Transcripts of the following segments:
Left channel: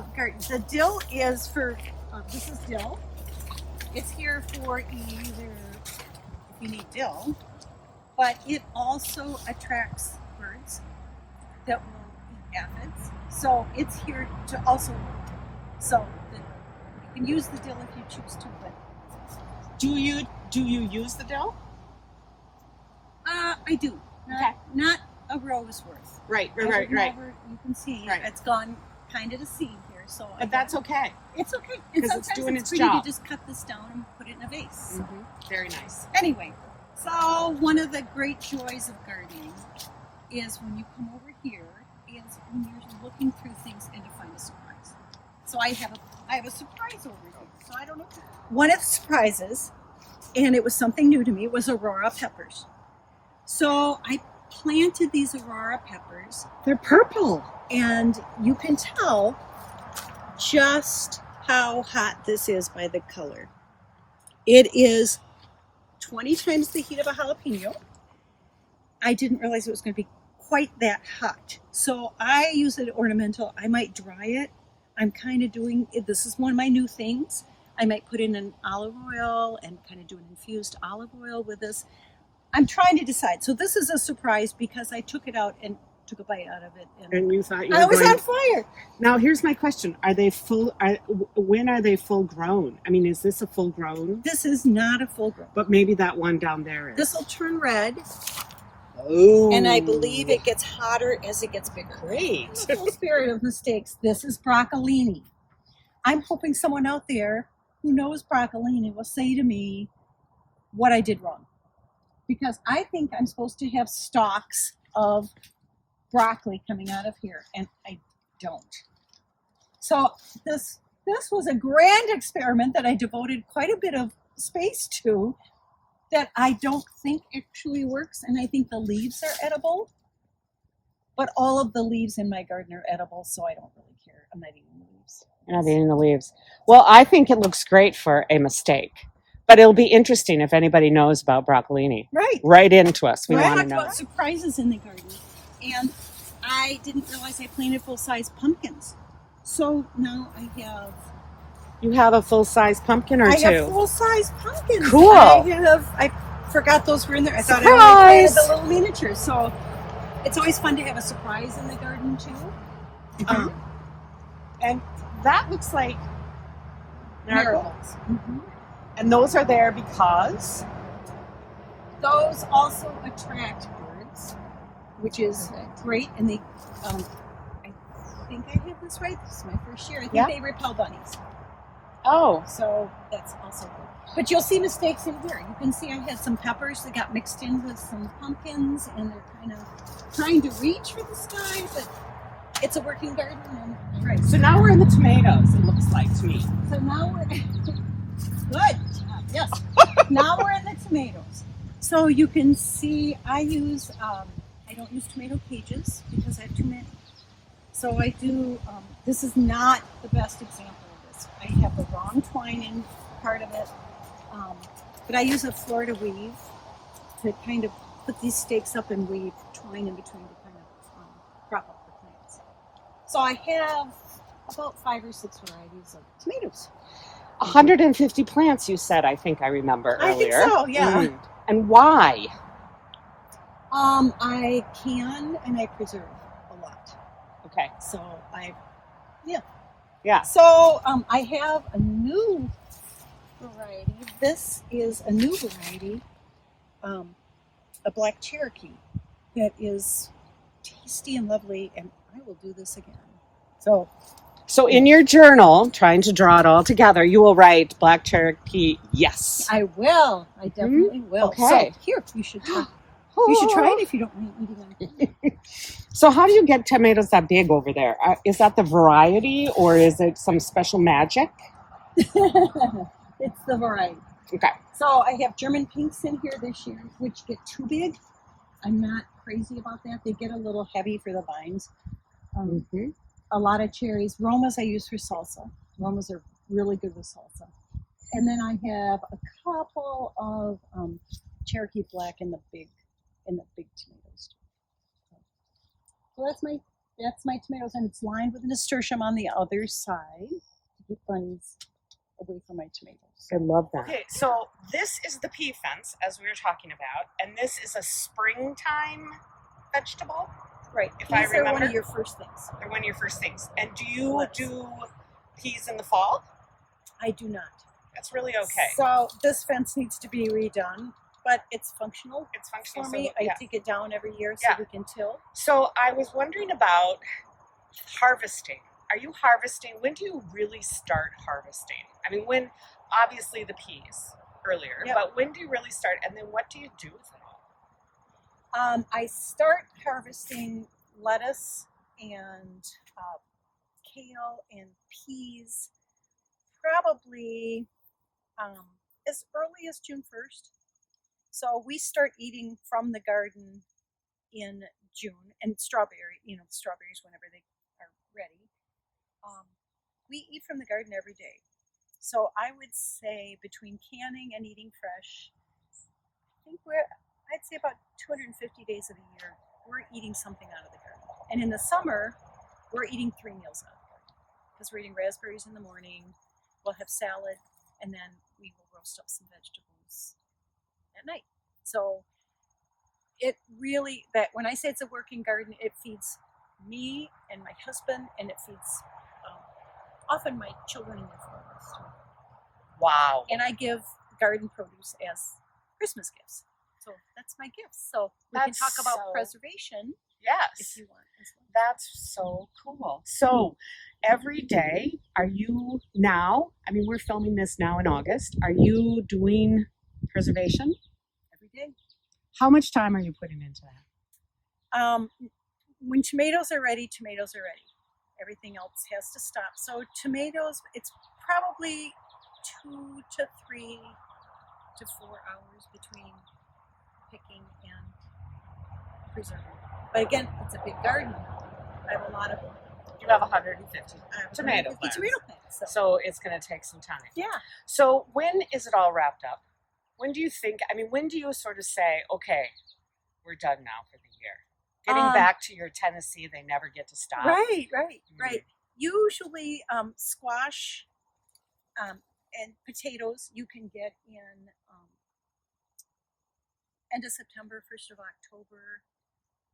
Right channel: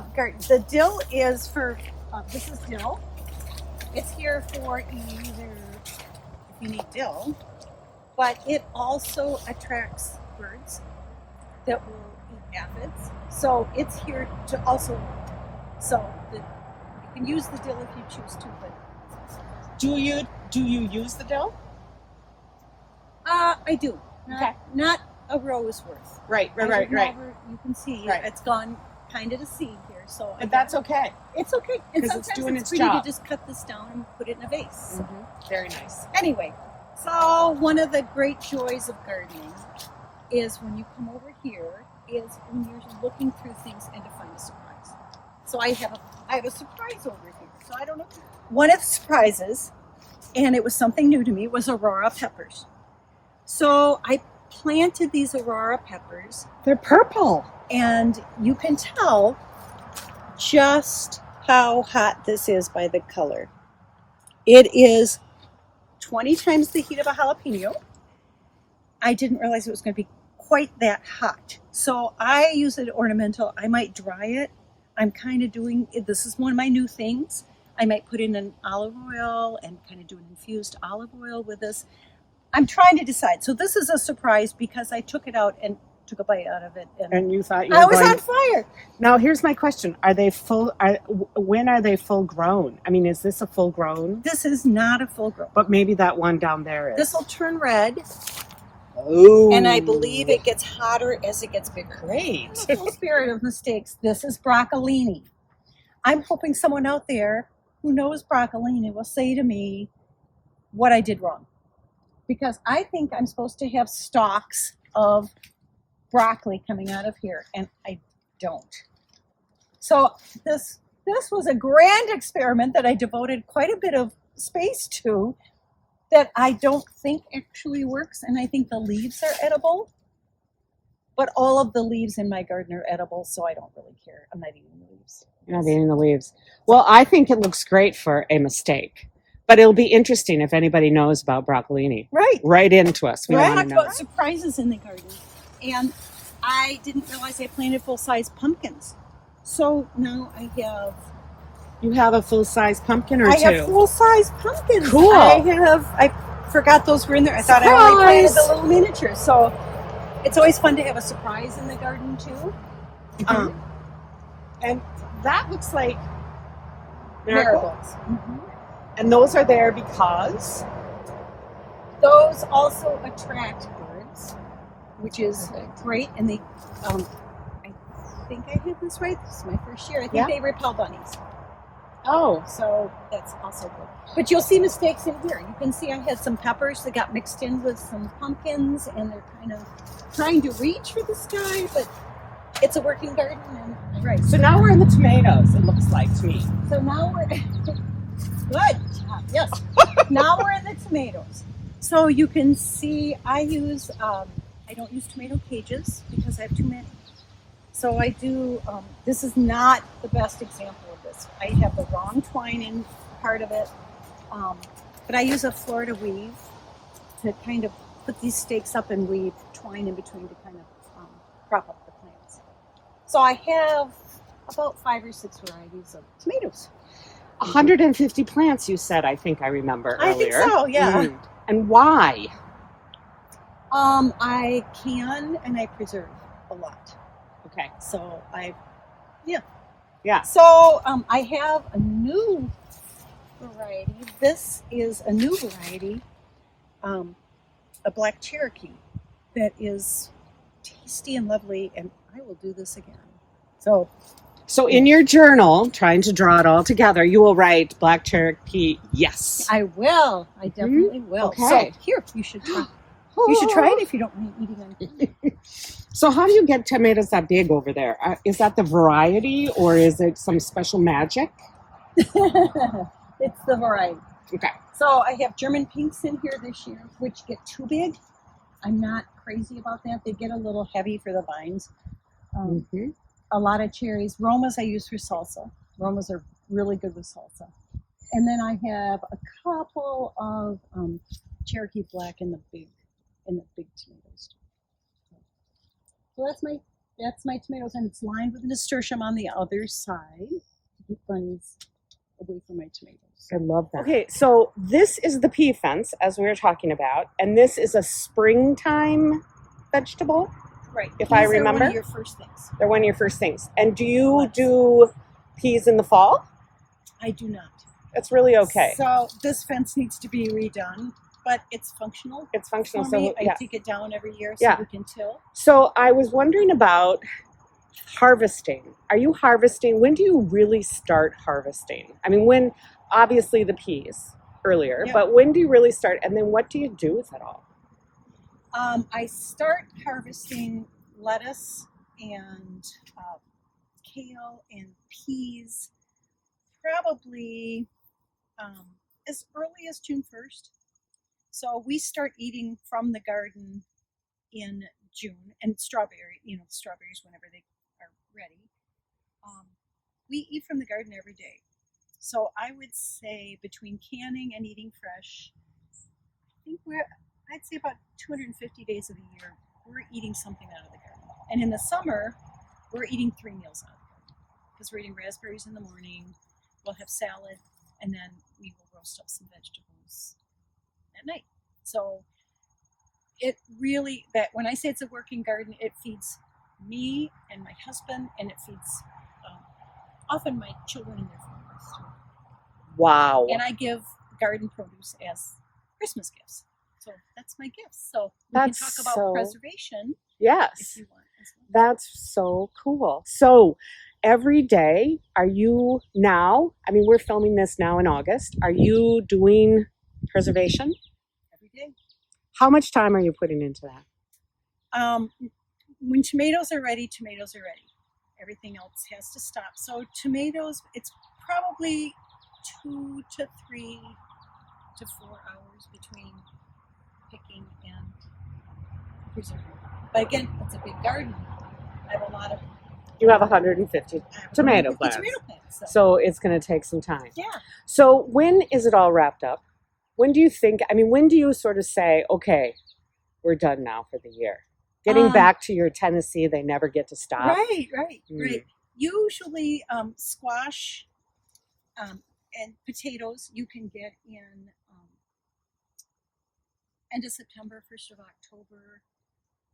The dill is for, this is dill. It's here for either if you need dill, but it also attracts birds that will eat aphids. So it's here to also, you can use the dill if you choose to. But Do you use the dill? I do. Okay. Not a rose worth. Right. You can see Right. it's gone kind of to seed here, so. But that's okay. It's okay. And 'Cause it's sometimes doing its pretty job. to just cut this down and put it in a vase. Very nice. Anyway, so one of the great joys of gardening is when you come over here is when you're looking through things and to find a surprise. So I have a surprise over here. So I don't know. One of the surprises, and it was something new to me, was Aurora peppers. So I planted these Aurora peppers. They're purple. And you can tell just how hot this is by the color. It is 20 times the heat of a jalapeno. I didn't realize it was going to be quite that hot. So I use it ornamental. I might dry it. I'm kind of doing, this is one of my new things. I might put in an olive oil and kind of do an infused olive oil with this. I'm trying to decide. So this is a surprise because I took it out and took a bite out of it. And you thought you were I was going... on fire. Now, here's my question. Are they full? When are they full grown? I mean, is this a full grown? This is not a full grown. But maybe that one down there is. This will turn red. Oh. And I believe it gets hotter as it gets bigger. Great. In the full spirit of mistakes, this is broccolini. I'm hoping someone out there who knows broccolini will say to me what I did wrong. Because I think I'm supposed to have stalks of broccoli coming out of here, and I don't. So this was a grand experiment that I devoted quite a bit of space to that I don't think actually works, and I think the leaves are edible. But all of the leaves in my garden are edible, so I don't really care. I'm not eating the leaves. You're not eating the leaves. Well, I think it looks great for a mistake. But it'll be interesting if anybody knows about broccolini. Right. Right into us. We want to know. About surprises in the garden. And I didn't realize I planted full-size pumpkins. So now I have... You have a full-size pumpkin or I two? I have full-size pumpkins. Cool. I forgot those were in there. I thought I only planted the little miniatures. So it's always fun to have a surprise in the garden too. And that looks like marigolds. Mm-hmm. And those are there because? Those also attract birds, which is great. And they, I think I did this right. This is my first year. I think they repel bunnies. Oh. So that's also good. But you'll see mistakes in here. You can see I had some peppers that got mixed in with some pumpkins, and they're kind of trying to reach for the sky, but it's a working garden. And right. So now we're in the tomatoes, it looks like to me. So now we're... Good job. Yes. Now we're in the tomatoes. So you can see I use, I don't use tomato cages because I have too many. So I do, this is not the best example of this. I have the wrong twine in part of it. But I use a Florida weave to kind of put these stakes up and weave twine in between to kind of prop up the plants. So I have about 5 or 6 varieties of tomatoes. 150 plants, you said, I think I remember earlier. I think so, yeah. And why? I can and I preserve a lot. Okay. So Yeah. So I have a new variety. This is a new variety, a black Cherokee that is tasty and lovely, and I will do this again. So in your journal, trying to draw it all together, you will write Black Cherokee, yes. I will. I definitely will. Okay. So here, you should try. You should try it if you don't mind eating anything. So how do you get tomatoes that big over there? Is that the variety, or is it some special magic? It's the variety. Okay. So I have German pinks in here this year, which get too big. I'm not crazy about that. They get a little heavy for the vines. A lot of cherries. Romas I use for salsa. Romas are really good with salsa. And then I have a couple of Cherokee Black in the big tomatoes. So that's my That's my tomatoes, and it's lined with a nasturtium on the other side to keep bunnies away from my tomatoes. I love that. Okay, so this is the pea fence, as we were talking about, and this is a springtime vegetable, Right. if Peas I are remember. one of your first things. They're one of your first things. And do you Yes. do peas in the fall? I do not. It's really okay. So this fence needs to be redone, but it's functional. It's functional, For so me, yeah. I take it down every year so Yeah. we can till. So I was wondering about harvesting. Are you harvesting? When do you really start harvesting? I mean, when, obviously the peas earlier, Yep. but when do you really start? And then what do you do with it all? I start harvesting lettuce and kale and peas probably as early as June 1st. So we start eating from the garden in June, and strawberries whenever they are ready. We eat from the garden every day. So I would say between canning and eating fresh, I think I'd say about 250 days of the year, we're eating something out of the garden. And in the summer, we're eating 3 meals out of the garden because we're eating raspberries in the morning, we'll have salad, and then we will roast up some vegetables at night. So it really, that when I say it's a working garden, it feeds me and my husband, and it feeds often my children and their families. Wow. And I give garden produce as Christmas gifts. So that's my gifts. So we can talk about preservation. Yes. If you want as well. That's so cool. So every day, are you now, I mean, we're filming this now in August. Are you doing preservation? Every day. How much time are you putting into that? When tomatoes are ready, tomatoes are ready. Everything else has to stop. So tomatoes, it's probably 2 to 3 to 4 hours between picking and preserving. But again, it's a big garden. I have a lot of. You have 150 tomato plants. So it's going to take some time. Yeah. So when is it all wrapped up? When do you think, I mean, when do you sort of say, okay, we're done now for the year? Getting back to your Tennessee, they never get to stop. Right. Usually squash and potatoes you can get in end of September, 1st of October.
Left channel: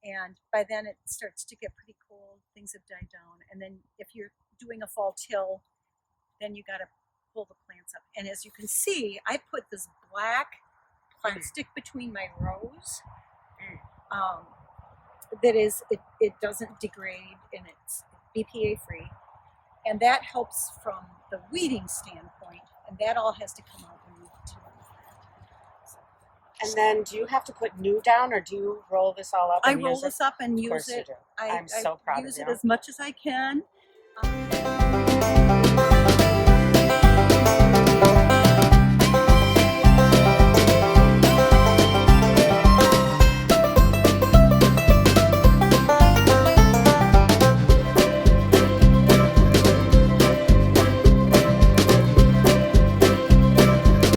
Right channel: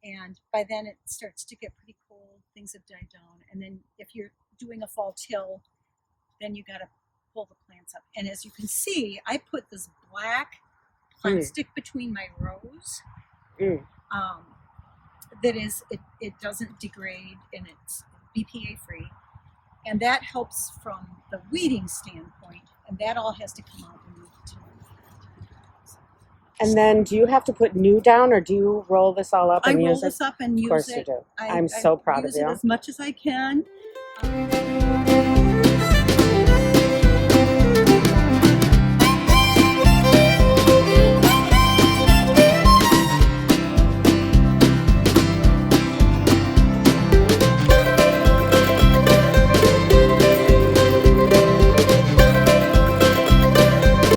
And by then it starts to get pretty cold. Things have died down. And then if you're doing a fall till, then you got to pull the plants up. And as you can see, I put this black plastic between my rows. That is, it doesn't degrade, and it's BPA free. And that helps from the weeding standpoint. And that all has to come out when you And then do you have to put new down, or do you roll this all up and use it? I roll this up and use it. Of course you do. I'm so proud of you. I use it as much as I can.